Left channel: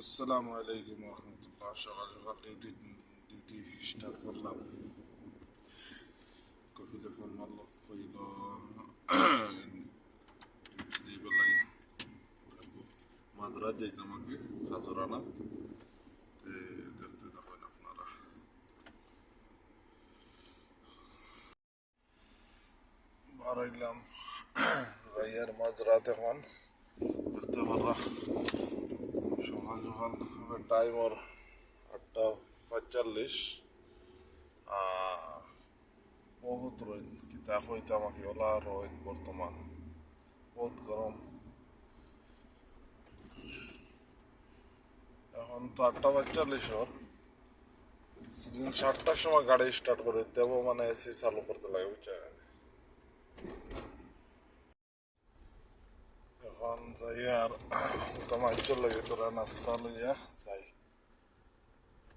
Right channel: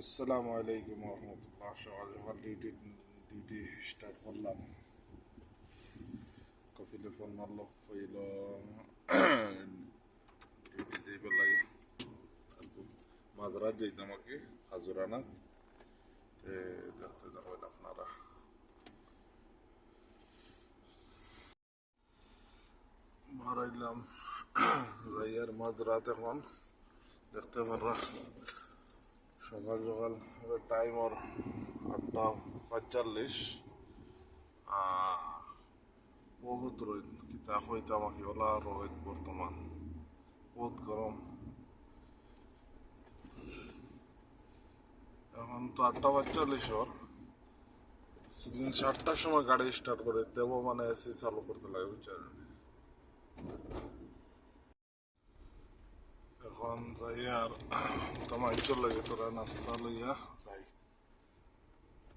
আসসালামু আলাইকুম রহমতুল্লাহ। সকাল সকাল ডিউটি স্টার্ট করলাম। কফিলে ফোন মারলো, কইল ডিউটি যাইবার লাগে। মাঝরাত যাইতাম আর কি, হাজুরানা। দেখতে থাকেন আপনারা। বাড়াইলাম যাইয়ার মাঝরাত এখন দেখতে পারা। সকাল সকাল টাইম ওর 8:45। বহুত রোদ, কিতা হইতাম আকি ওলা রোদ বর্তমান, বহুত গরম। এখন তো 8:45 ওর। সেদিন 7টার সময় গাড়ি স্টার্ট করে দেব, মানে এসি চালু করতে লাগে বুঝছেন। এখন যাই আর তোমার লাগে তোরা নাস্তা লইয়া যাই।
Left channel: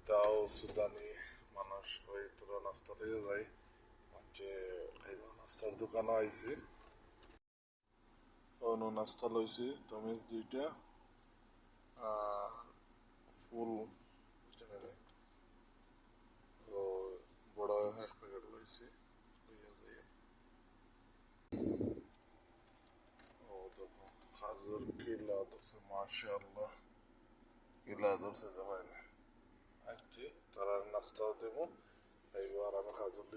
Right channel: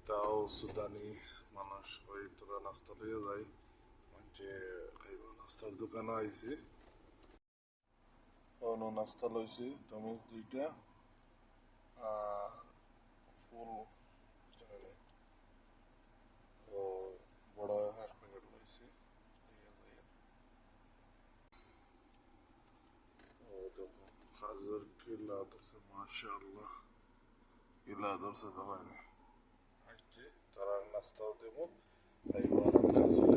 তাও সুদানি মানুষ হয়ে তোরা নাস্তা লইয়া যাই। যে খাইব, নাস্তার দোকানও আইছি। অন্য নাস্তা লইছি তমিজ 2টা আর ফুল ও বড় 1 প্যাকেট লইছি, লইয়া যাই। ও দেখো খাজুর কিলা ধরছে, মাশাআল্লাহ কিলা ধরছে তো হয় না। আজকে তারা নাস্তাও দেবো, খাইব আর খাজুর